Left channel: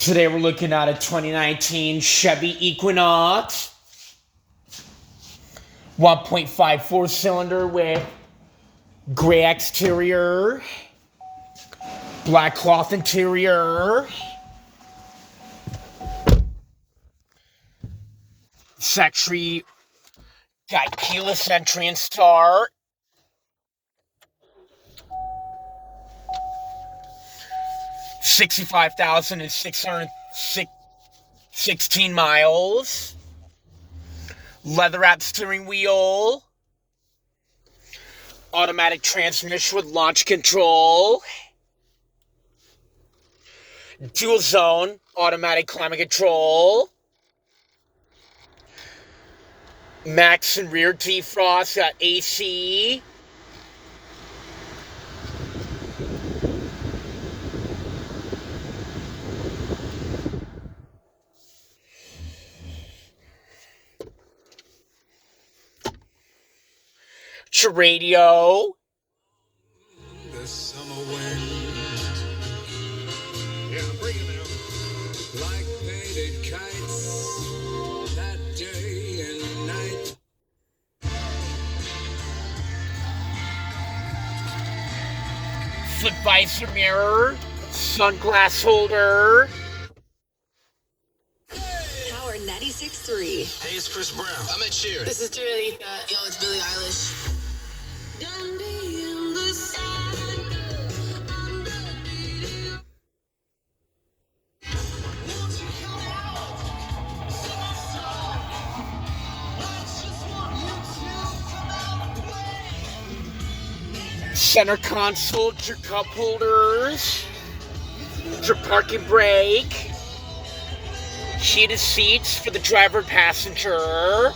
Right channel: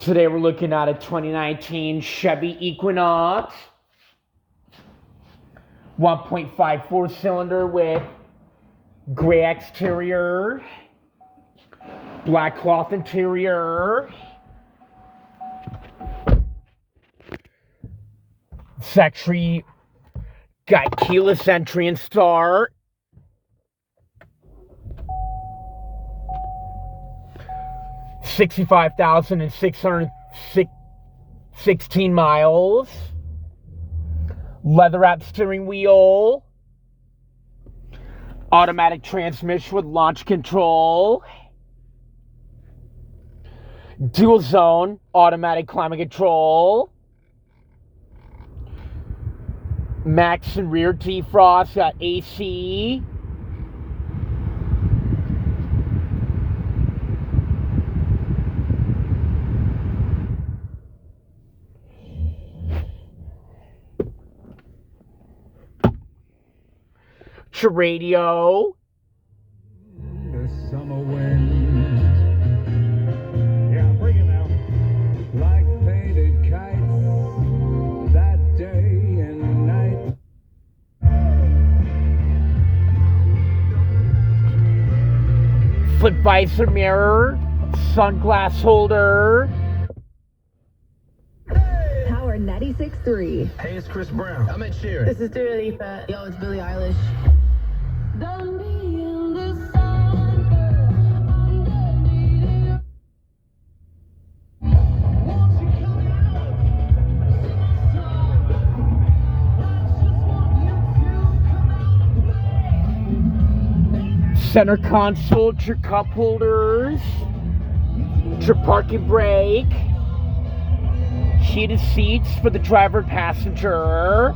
Today we're looking at a 2019 Chevy Equinox. 1.54 cylinder with gray exterior, black cloth interior. It's actually got keyless entry and start. $65,616 miles. Leather-wrapped steering wheel. Automatic transmission with launch control. Dual zone automatic climate control. Max and rear defrost. Got AC. Your radio. The summer wind. Yeah, bring it out. Like painted kites that day and night. Flip visor mirror. Sunglass holder. Power 96.3. Hey, it's Chris Brown. I'm Ed Sheeran. This is Dua Lipa. Yo, it's Billie Eilish. Center console, your cup holders, your parking brake, heated seats for the driver and passenger.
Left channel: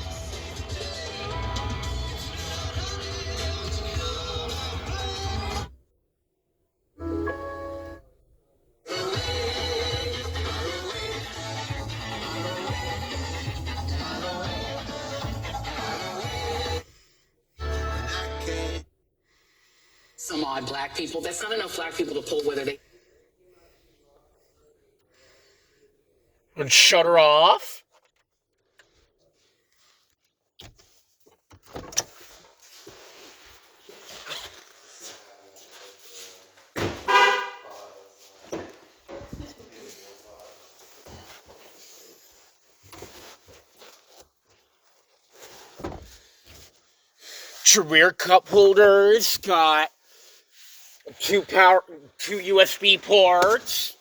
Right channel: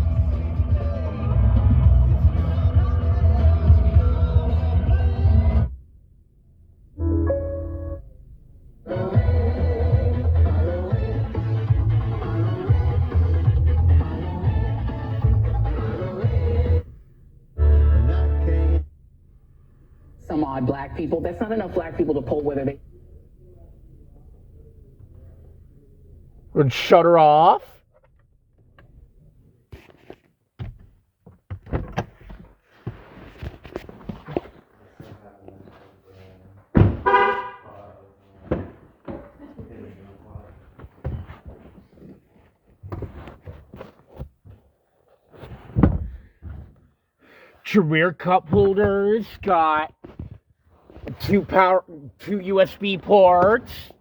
Some odd black people. That's not enough black people to pull whether they... And shut her off. Your rear cup holders got two USB ports.